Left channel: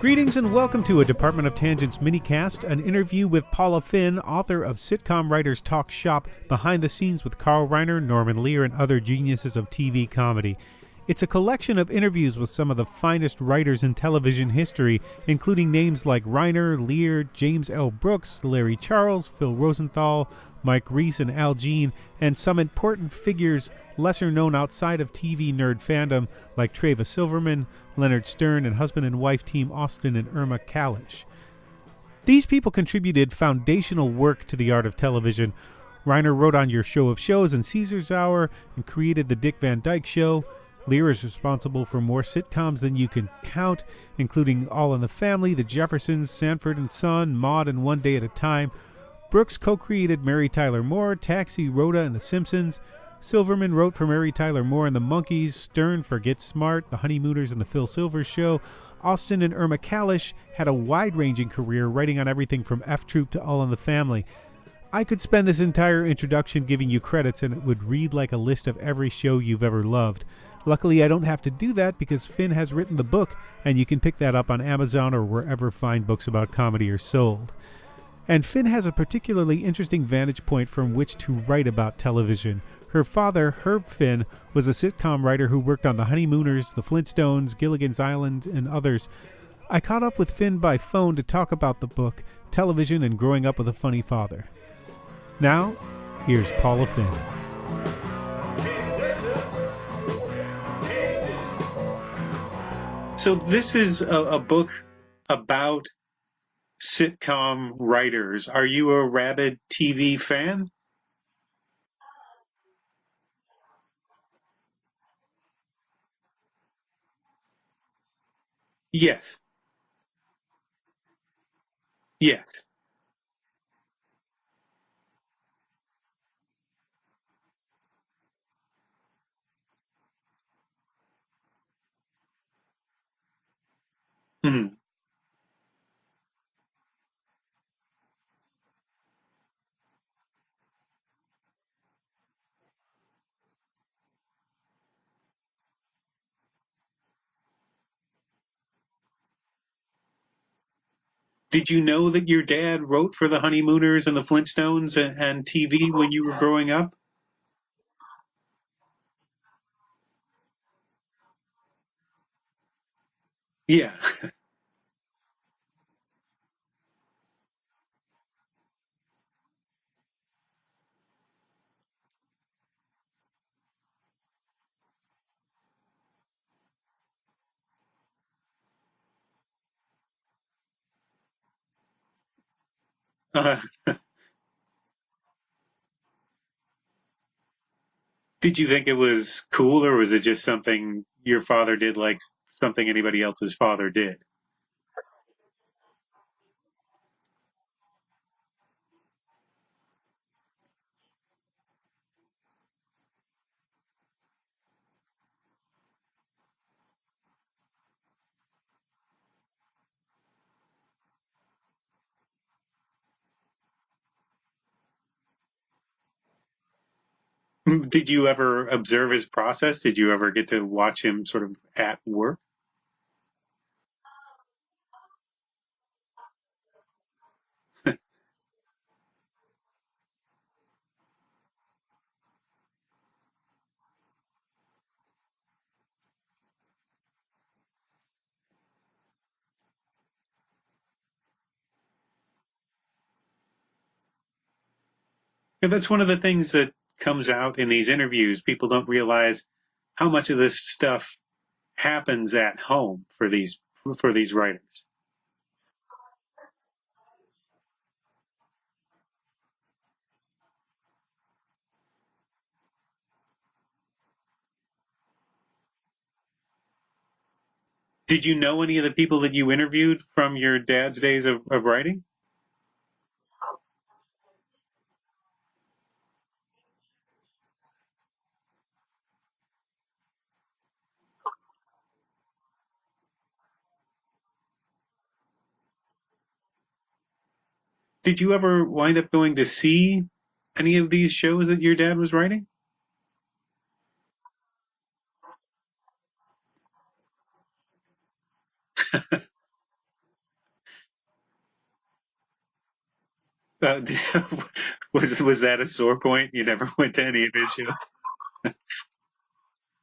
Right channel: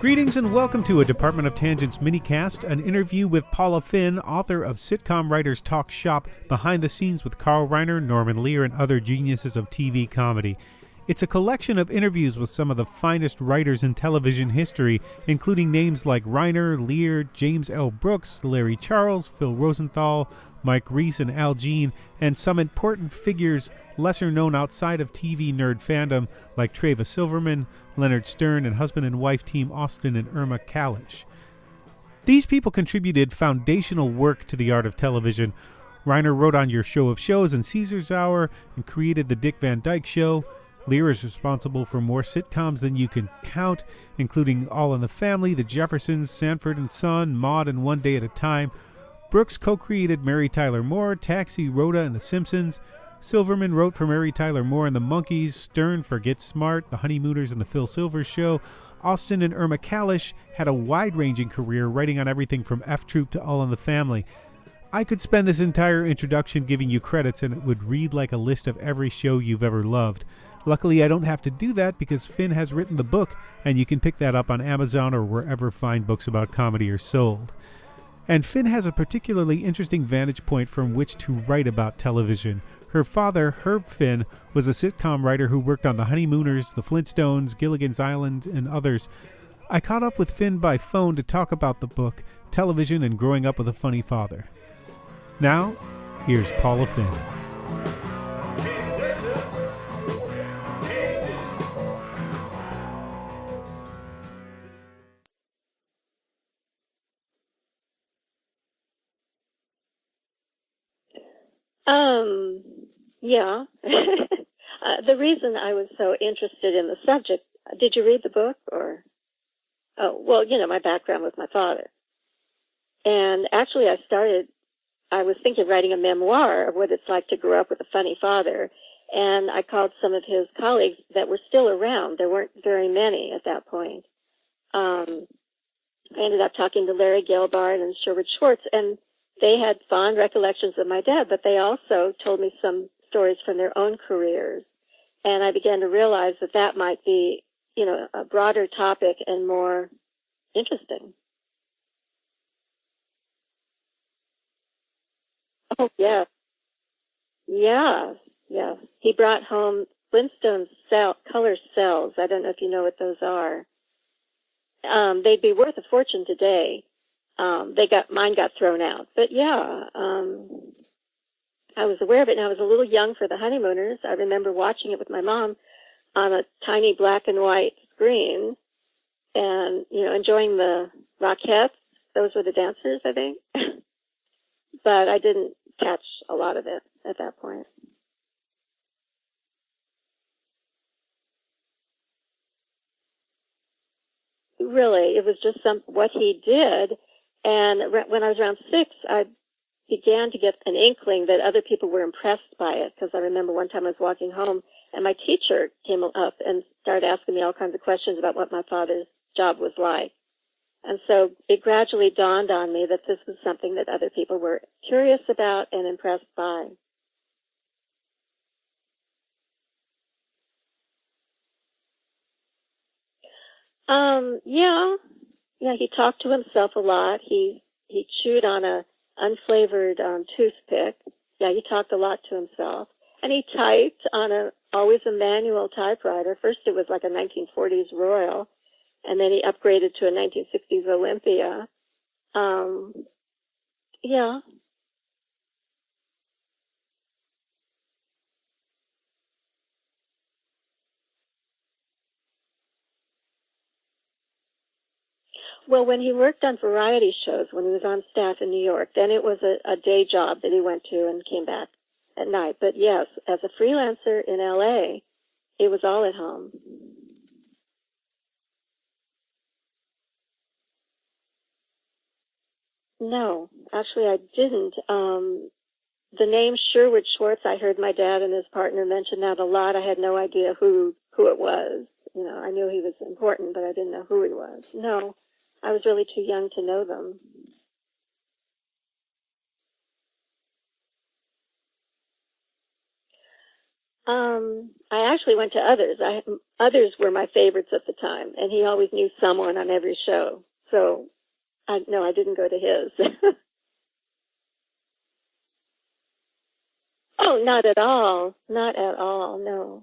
Greetings and welcome to a Department of Tangents minicast, an interview with Paula Finn, author of Sitcom Writers Talk Shop, Behind the Scenes with Carl Reiner, Norman Lear, and other geniuses of TV comedy. It's a collection of interviews with some of the finest writers in television history, including names like Reiner, Lear, James L. Brooks, Larry Charles, Phil Rosenthal, Mike Reiss, and Al Jean, and some important figures lesser known outside of TV nerd fandom like Treva Silverman, Leonard Stern, and husband and wife team Austin and Irma Kalish. These people contributed foundational work to the art of television. Reiner wrote on Your Show of Shows and Caesar's Hour and created the Dick Van Dyke Show. Lear is responsible for more sitcoms than you can count, including All in the Family, The Jeffersons, Sanford and Son, Maude, and One Day at a Time. Brooks co-created Mary Tyler Moore, Taxi, Rhoda, and The Simpsons. Silverman wrote for Mary Tyler Moore and the Monkees, Stern for Get Smart, The Honeymooners, and The Phil Silvers Show. Austin and Irma Kalish had a wide-ranging career, writing on everything from F Troop to All in the Family. I could spend this entire introduction giving you credits, and it would read like a list of every show you've ever loved. Luckily, I don't have to do that because Finn has written the book, and you can pick that up on Amazon or wherever fine books about comedy are sold. And Finn has a particularly interesting vantage point from which to write about television. Her father, Herb Finn, was a sitcom writer who worked on The Honeymooners, The Flintstones, Gilligan's Island, and others. I caught up with Finn by phone to talk about the book, television, and growing up with a funny father. Now, here's Paula Finn. So this is a book about sitcom writers. Are you a rabid TV fan? Yeah. The reason I was so interested in the subject, did you read the book? Or? Yes. Oh, well, my background was my father. Yes. And actually I was thinking of writing a memoir of what it's like to grow up with a funny father. And I called some of his colleagues that were still around. There weren't very many at that point. Mm-hmm. I ended up talking to Larry Gelbart and Sherwood Schwartz, and they had fond recollections of my dad, but they also told me some stories from their own careers. And I began to realize that might be, a broader topic and more interesting. Did you know that your dad wrote for the Honeymooners and the Flintstones and TV when you were growing up? Yeah. He brought home Flintstones color cells. I don't know if you know what those are. Yeah. They'd be worth a fortune today. Mine got thrown out. But yeah, I was aware of it, and I was a little young for the Honeymooners. I remember watching it with my mom on a tiny black and white screen and, enjoying the Rockettes. Those were the dancers, I think. But I didn't catch a lot of it at that point. Did you think it was cool, or was it just something your father did, like something anybody else's father did? Really, it was just what he did. And when I was around 6, I began to get an inkling that other people were impressed by it, because I remember one time I was walking home, and my teacher came up and started asking me all kinds of questions about what my father's job was like. And so it gradually dawned on me that this was something that other people were curious about and impressed by. Did you ever observe his process? Did you ever get to watch him sort of at work? Yeah, he talked to himself a lot. He chewed on a unflavored toothpick. Yeah, he talked a lot to himself. And he typed on always a manual typewriter. First it was like a 1940s Royal, and then he upgraded to a 1960s Olympia. Yeah. That's one of the things that comes out in these interviews. People don't realize how much of this stuff happens at home for these writers. Well, when he worked on variety shows, when he was on staff in New York, then it was a day job that he went to and came back at night. But yes, as a freelancer in L.A., it was all at home. Did you know any of the people that you interviewed from your dad's days of writing? No, actually I didn't. The name Sherwood Schwartz, I heard my dad and his partner mention that a lot. I had no idea who it was. I knew he was important, but I didn't know who he was. No, I was really too young to know them. Did you ever wind up going to see any of these shows that your dad was writing? I actually went to others. Others were my favorites at the time, and he always knew someone on every show. So, I didn't go to his. Uh, was that a sore point? You never went to any of his not shows? at all. Not at all, no.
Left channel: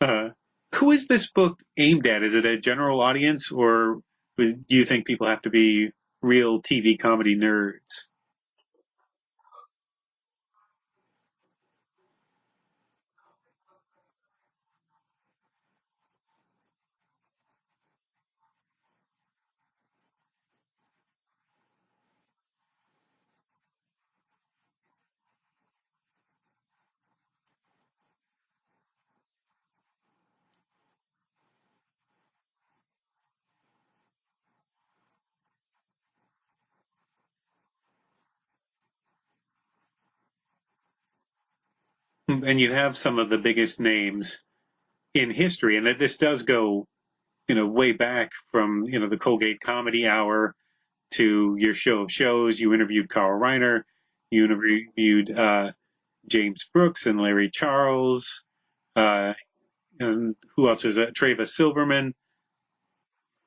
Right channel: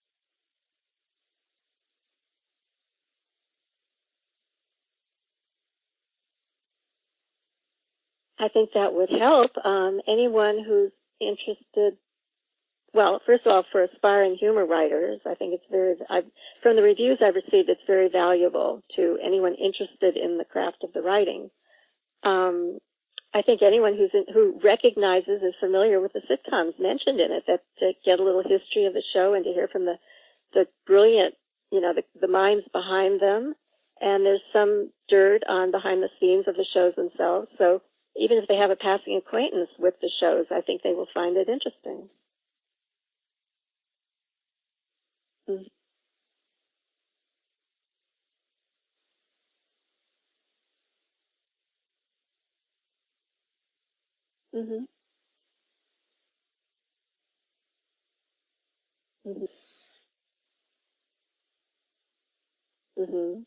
Uh, who is this book aimed at? Is it a general audience, or do you think people have to be real TV comedy nerds? I think that would help. Anyone who's interested, well, first of all, for aspiring humor writers, I think it's from the reviews I've received, it's very valuable to anyone interested in the craft of the writing. I think anyone who recognizes, is familiar with the sitcoms mentioned in it, that to get a little history of the show and to hear from the brilliant, the minds behind them. And there's some dirt on behind the scenes of the shows themselves. So even if they have a passing acquaintance with the shows, I think they will find it interesting. And you have some of the biggest names in history, and that this does go, way back from, the Colgate Comedy Hour to your show of shows. You interviewed Carl Reiner, you interviewed James Brooks and Larry Charles, and who else was that? Treva Silverman. Mm-hmm.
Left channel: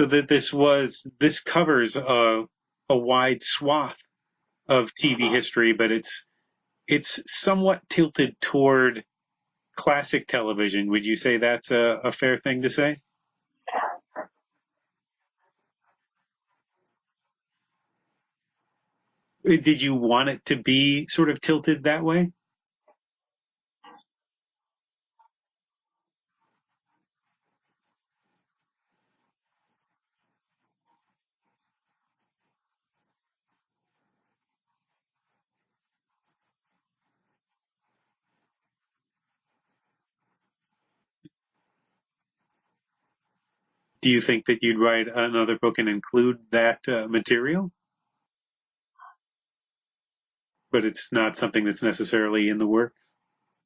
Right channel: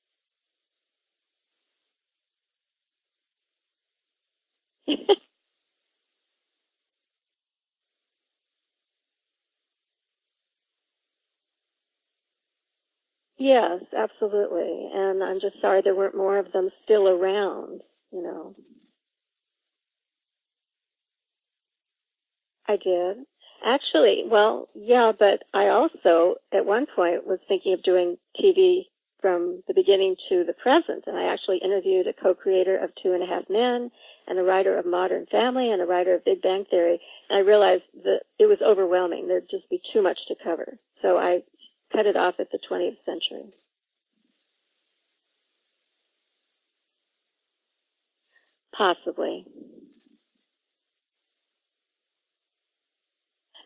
So that this covers a wide swath of TV history, but it's somewhat tilted toward classic television. Would you say that's a fair thing to say? Yes, absolutely. And I'm just sorry there weren't more of them still around, Did you want it to be sort of tilted that way? I did. Actually, well, yeah, but I also, at one point, was thinking of doing TV from the beginning to the present. And I actually interviewed a co-creator of 2.5 Men and a writer of Modern Family and a writer of Big Bang Theory. And I realized that it was overwhelming. There'd just be too much to cover. So I cut it off at the 20th century. Do you think that you'd write another book and include that material? Possibly. But it's not something that's necessarily in the work?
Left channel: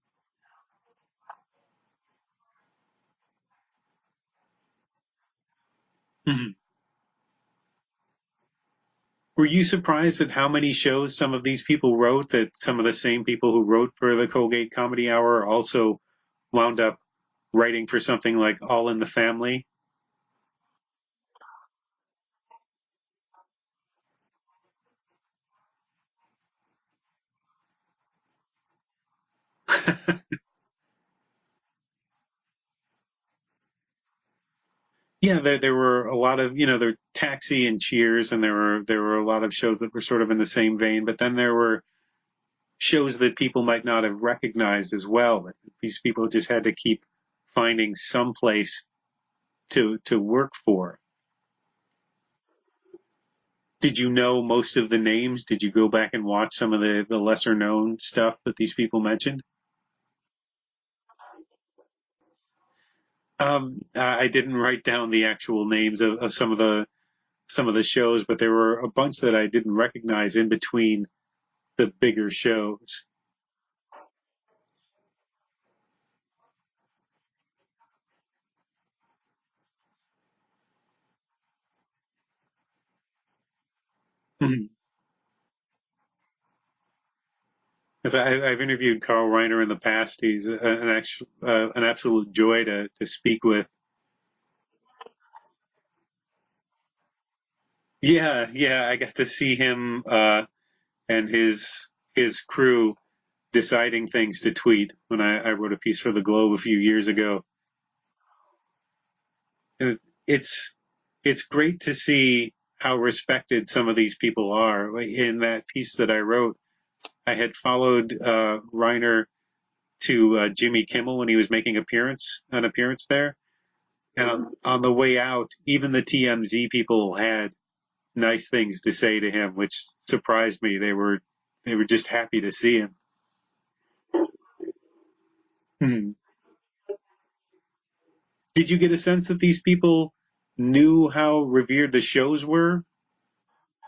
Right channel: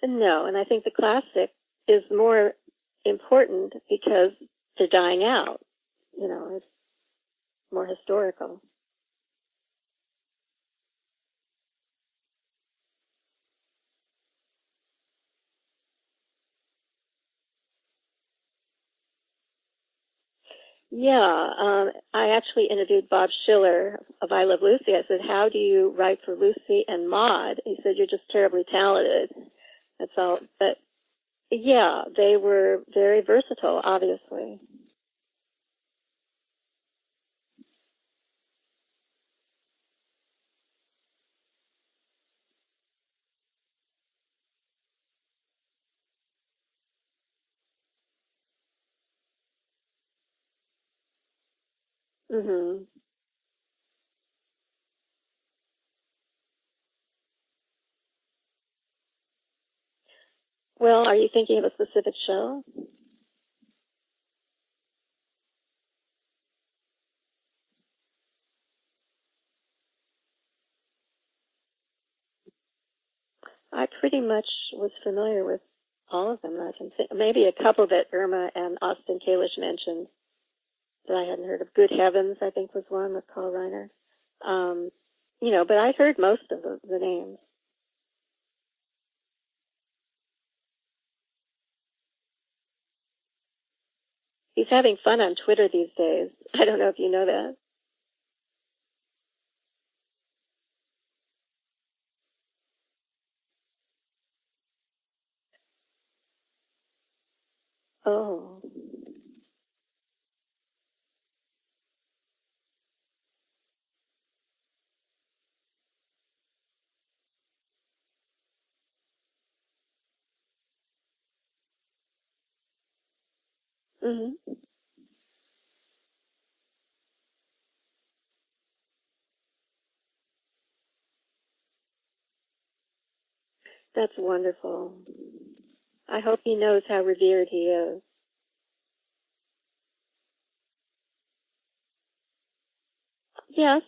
No, and I think the classic is more important because they're dying out. It's more historical. Were you surprised at how many shows some of these people wrote, that some of the same people who wrote for the Colgate Comedy Hour also wound up writing for something like All in the Family? Yeah, I actually interviewed Bob Schiller of I Love Lucy. I said, how do you write for Lucy and Maude? He said, you're just terribly talented. I felt, but yeah, they were very versatile, obviously. Yeah, there were a lot of, there Taxi and Cheers, and there were a lot of shows that were sort of in the same vein, but then there were shows that people might not have recognized as well, that these people just had to keep finding some place to work for. Mm-hmm. Did you know most of the names? Did you go back and watch some of the lesser known stuff that these people mentioned? Well, are you thinking of a specific show? I didn't write down the actual names of some of the shows, but there were a bunch that I didn't recognize in between the bigger shows. I pretty much was familiar with all of them. I can think maybe a couple that Irma and Austin Kalish mentioned that I hadn't heard of. Good Heavens, I think, was one with Carl Reiner. But I'd heard most of the names. As I've interviewed Carl Reiner in the past. He's an absolute joy to speak with. He's having fun on Twitter these days. I don't know if you know that. Yeah, I got to see him and his crew deciding things to tweet when I wrote a piece for the Globe a few years ago. Oh. And it's great to see how respected some of these people are. In that piece that I wrote, I had followed Reiner to Jimmy Kimmel when he was making an appearance there. Mm-hmm. And on the way out, even the TMZ people had nice things to say to him, which surprised me. They were just happy to see him. That's wonderful. Mm-hmm. I hope he knows how revered he is. Did you get a sense that these people knew how revered the shows were? Yes.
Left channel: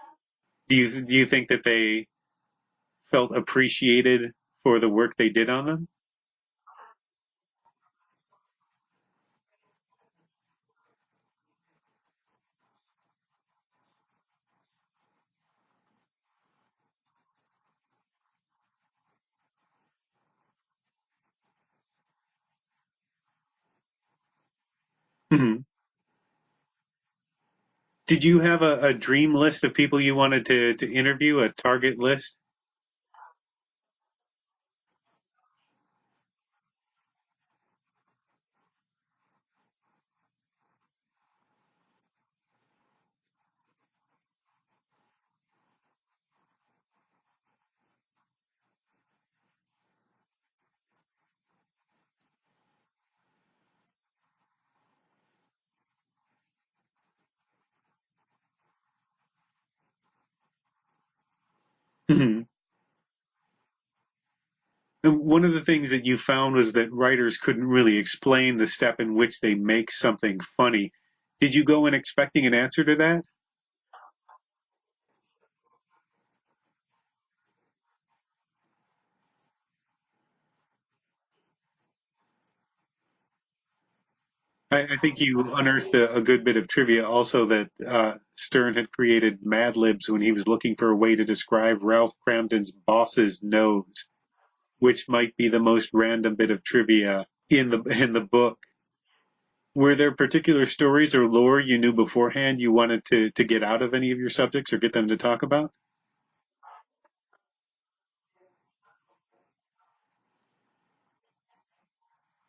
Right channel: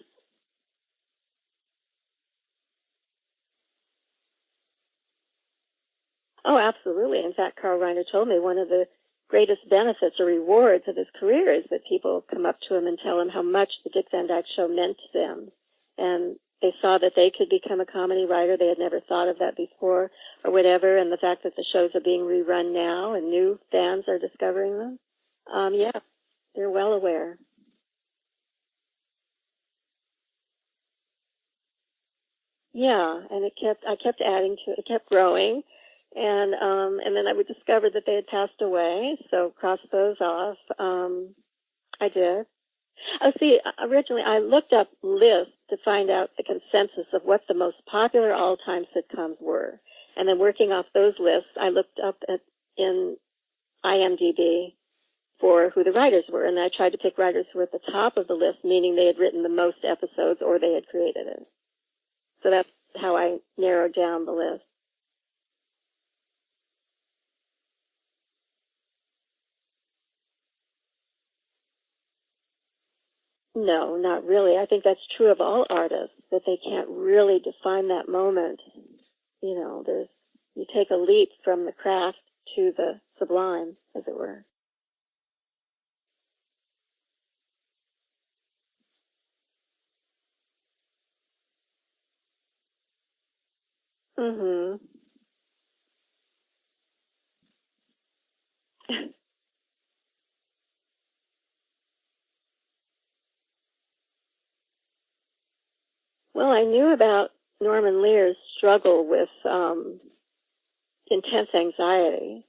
Do you think that they felt appreciated for the work they did on them? Oh, absolutely. In fact, Carl Reiner told me one of the greatest benefits or rewards of his career is that people come up to him and tell him how much the Dick Van Dyke Show meant to them. And they saw that they could become a comedy writer. They had never thought of that before or whatever, and the fact that the shows are being rerun now and new fans are discovering them. Yeah, they're well aware. Did you have a dream list of people you wanted to interview, a target list? Yeah, and I kept adding to it. It kept growing, and then I would discover that they had passed away, so cross those off. I did. Oh, see, originally I looked up lists to find out the consensus of what the most popular all-time sitcoms were. And then working off those lists, I looked up in IMDb for who the writers were. And I tried to pick writers who were at the top of the list, meaning they had written the most episodes or they had created it. So that's how I narrowed down the list. And one of the things that you found was that writers couldn't really explain the step in which they make something funny. Did you go in expecting an answer to that? No, not really. I think that's true of all artists, that they can't really define that moment. You know, you take a leap from the craft to the sublime, as it were. I think you unearthed a good bit of trivia also that Stern had created Mad Libs when he was looking for a way to describe Ralph Cramden's boss's nose, which might be the most random bit of trivia in the book. Were there particular stories or lore you knew beforehand you wanted to get out of any of your subjects or get them to talk about? Well, I knew about Norman Lear's struggle with intense anxiety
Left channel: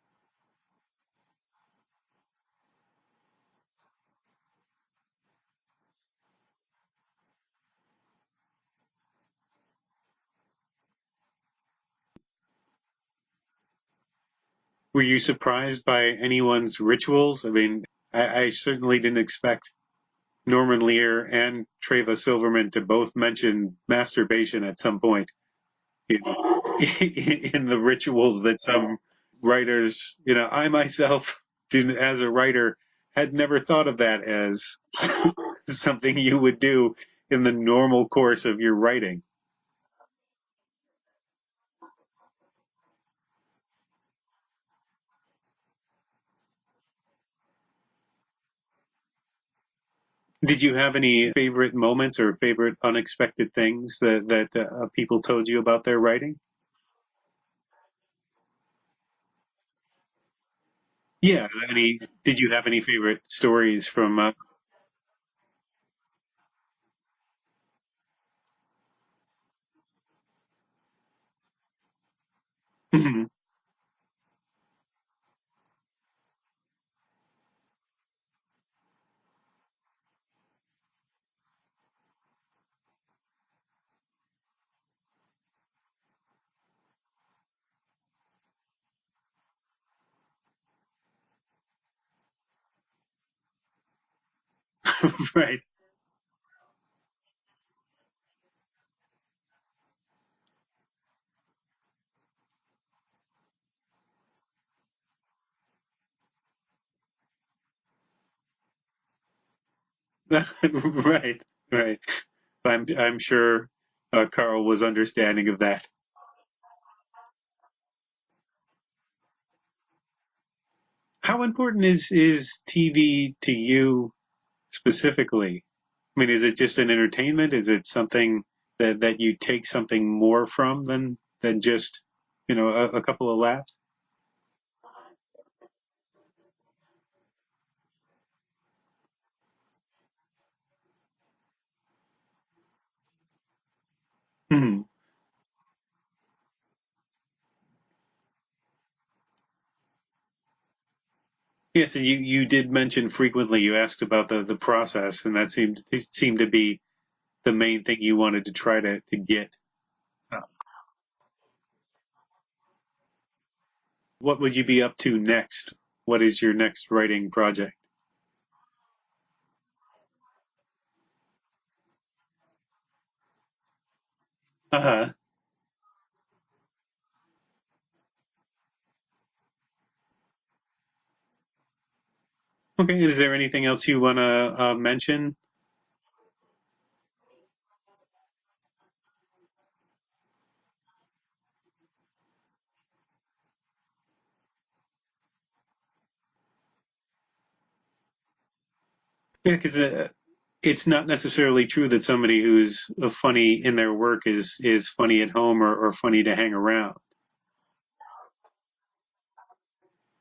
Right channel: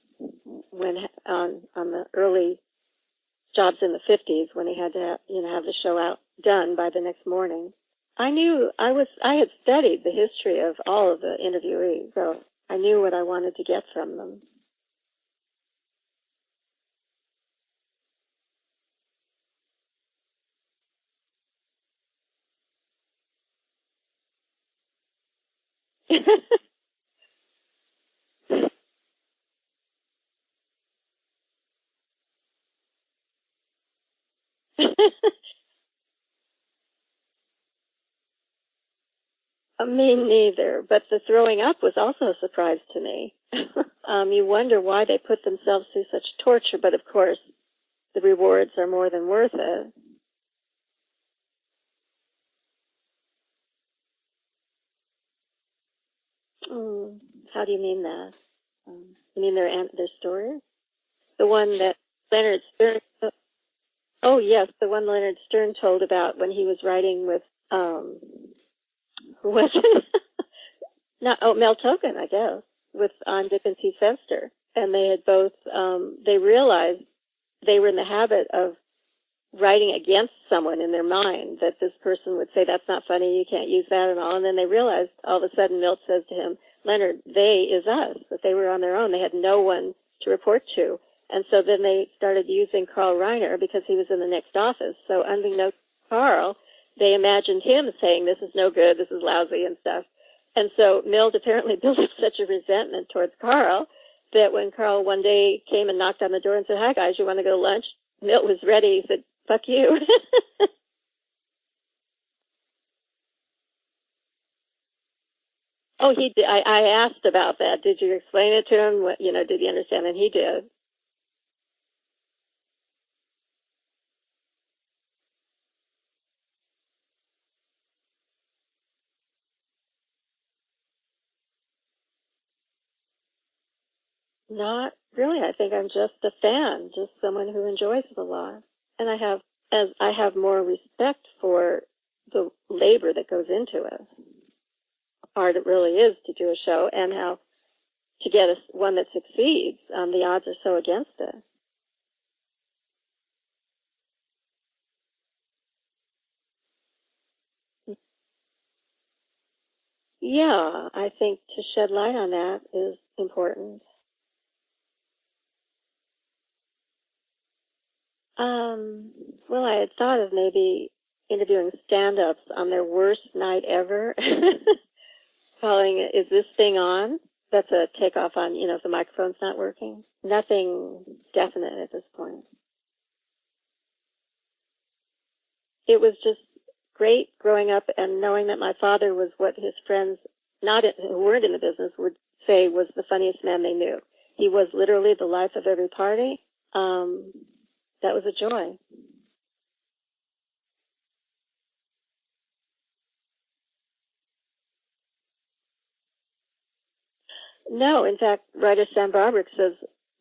when on the early jobs in the 50s when he had to have the show out done by the next morning. I knew I had studied the history of all of the interviewees, so I knew what I wanted to get from them. Were you surprised by anyone's rituals? I mean, I certainly didn't expect Norman Lear and Treva Silverman to both mention masturbation at some point in the rituals that some writers, I myself, as a writer, had never thought of that as something you would do in the normal course of your writing. Me neither, but the throwing up was also a surprise to me. You wonder why they put themselves through such torture, but of course, the rewards are more than worth it. Did you have any favorite moments or favorite unexpected things that people told you about their writing? How do you mean that? You mean their stories? Yeah. Did you have any favorite stories from? Oh yes, the one Leonard Stern told about when he was writing with who was it? Mel Token, I guess, on Dick and T. Fester, and they had both. They realized they were in the habit of writing against someone in their mind, that this person would say, that's not funny, you can't use that and all. And then they realized all of a sudden Milt says to him, Leonard, they is us, that they were on their own. They had no one to report to. And so then they started using Carl Reiner because he was in the next office. So right. Unbeknownst to Carl, they imagined him saying, this is no good, this is lousy and stuff. And so Milt apparently built up such a resentment towards Carl that when Carl one day came and knocked on the door and said, hi guys, you want to go to lunch? Milt was ready. He said, fuck you. Right. I'm sure Carl was understanding of that. Oh, he did. I asked about that. Did you explain it to him? Did he understand? And he did. How important is TV to you specifically? I mean, is it just an entertainment? Is it something that you take something more from than just, a couple of laughs? Not really. I think I'm just a fan, just someone who enjoys it a lot. And I have more respect for the labor that goes into it. Mm-hmm. How hard it really is to do a show, and how to get one that succeeds. The odds are so against it. Yes, and you did mention frequently, you asked about the process, and that seemed to be the main thing you wanted to try to get. Yeah, I think to shed light on that is important. What would you be up to next? What is your next writing project? Well, I had thought of maybe interviewing stand-ups on their worst night ever. Calling it, is this thing on? That's a takeoff on, if the microphone's not working. Nothing definite at this point. Okay, is there anything else you want to mention? It was just great growing up and knowing that my father was what his friends, who weren't in the business, would say was the funniest man they knew. He was literally the life of every party. That was a joy. Yeah, because it's not necessarily true that somebody who's funny in their work is funny at home or funny to hang around. No, in fact, writer Sam Barbrick says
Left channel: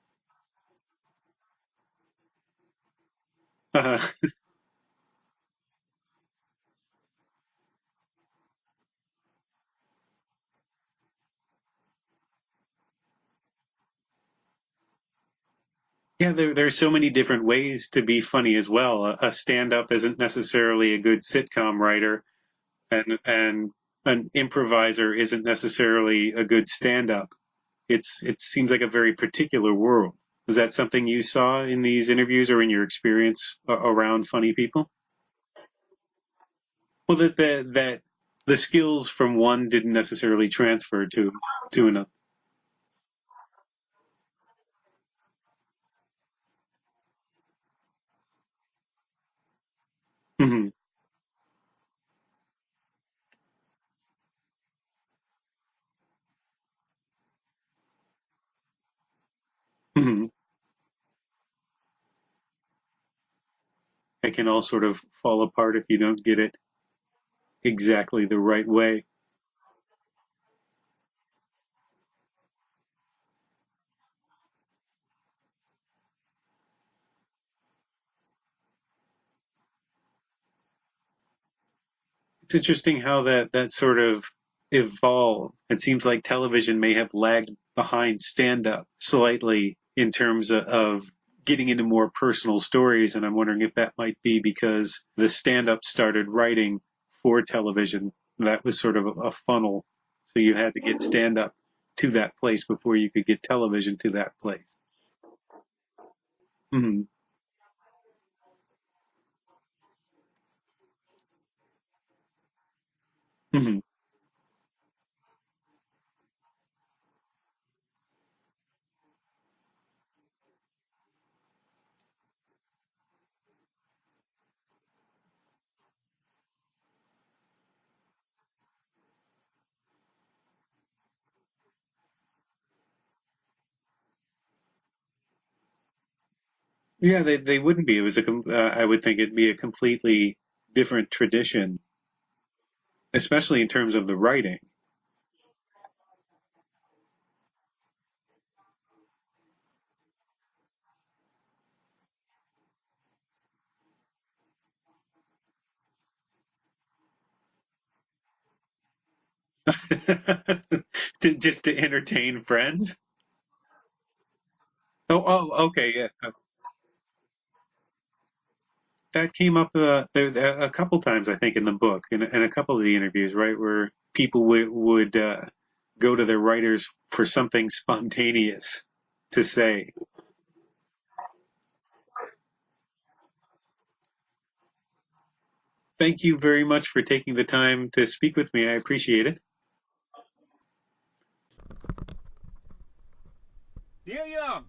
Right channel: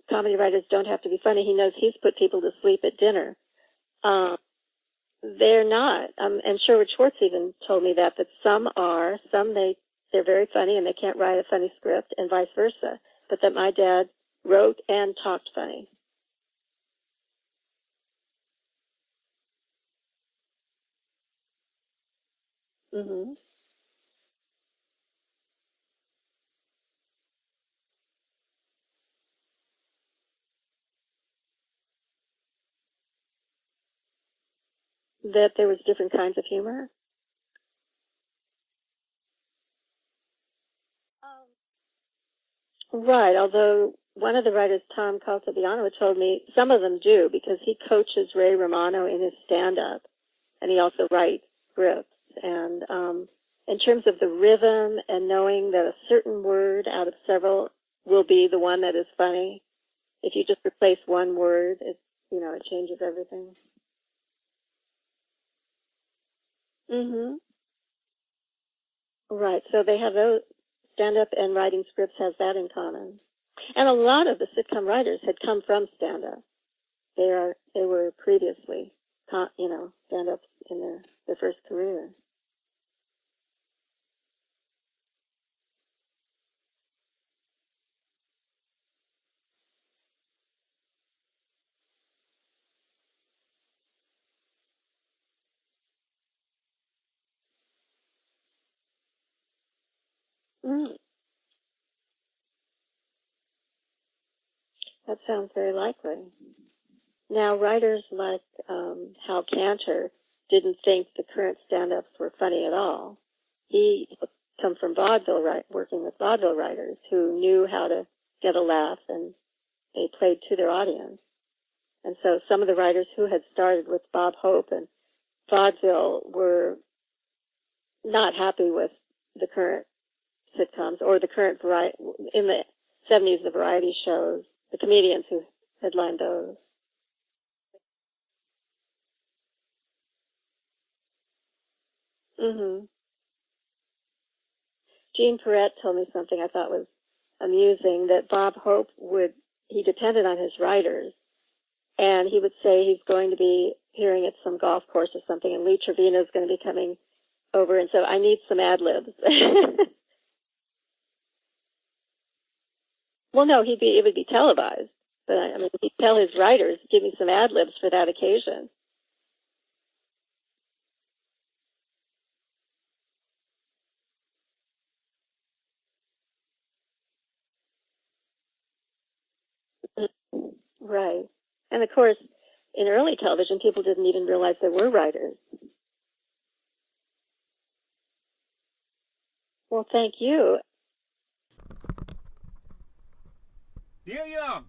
comedy writers don't have to be funny. He knows he's put people to sleep at dinner. They're not. And Sherwood Schwartz even told me that some are, they're very funny and they can't write a funny script, and vice versa. But that my dad wrote and talked funny. Yeah, there's so many different ways to be funny as well. A stand-up isn't necessarily a good sitcom writer, and an improviser isn't necessarily a good stand-up. It seems like a very particular world. Is that something you saw in these interviews or in your experience around funny people? That there was different kinds of humor? Well, that the skills from one didn't necessarily transfer to another. Right, although one of the writers, Tom Caltabiano, told me some of them do, because he coaches Ray Romano in his stand-up, and he also writes scripts. And in terms of the rhythm and knowing that a certain word out of several will be the one that is funny, if you just replace one word, it changes everything. It can all sort of fall apart if you don't get it exactly the right way. Right, so they have those. Stand-up and writing scripts has that in common. And a lot of the sitcom writers had come from stand-up. They were previously, stand-ups in their first career. It's interesting how that sort of evolved. It seems like television may have lagged behind stand-up slightly in terms of getting into more personal stories, and I'm wondering if that might be because the stand-up started writing for television. That was sort of a funnel. So you had to get stand-up to that place before you could get television to that place. That sounds very likely. Now, writers like Hal Cantor didn't think the current stand-ups were funny at all. He come from vaudeville, working with vaudeville writers who knew how to get a laugh, and they played to their audience. And so some of the writers who had started with Bob Hope and vaudeville were not happy with the current sitcoms or the current in the 70s, the variety shows, the comedians who headlined those. Yeah, they wouldn't be. It was I would think it'd be a completely different tradition, especially in terms of the writing. Gene Perrette told me something I thought was amusing, that Bob Hope he depended on his writers, and he would say he's going to be appearing at some golf course or something, and Lee Trevino is going to be coming over, and so I need some ad-libs. Just to entertain friends? Well, no, it would be televised. Okay. He would tell his writers, give me some ad-libs for that occasion. That came up a couple times, I think, in the book, in a couple of the interviews, right, where people would go to their writers for something spontaneous to say. Right. And, of course, in early television, people didn't even realize there were writers. Thank you very much for taking the time to speak with me. I appreciate it. Well, thank you. Dear Young,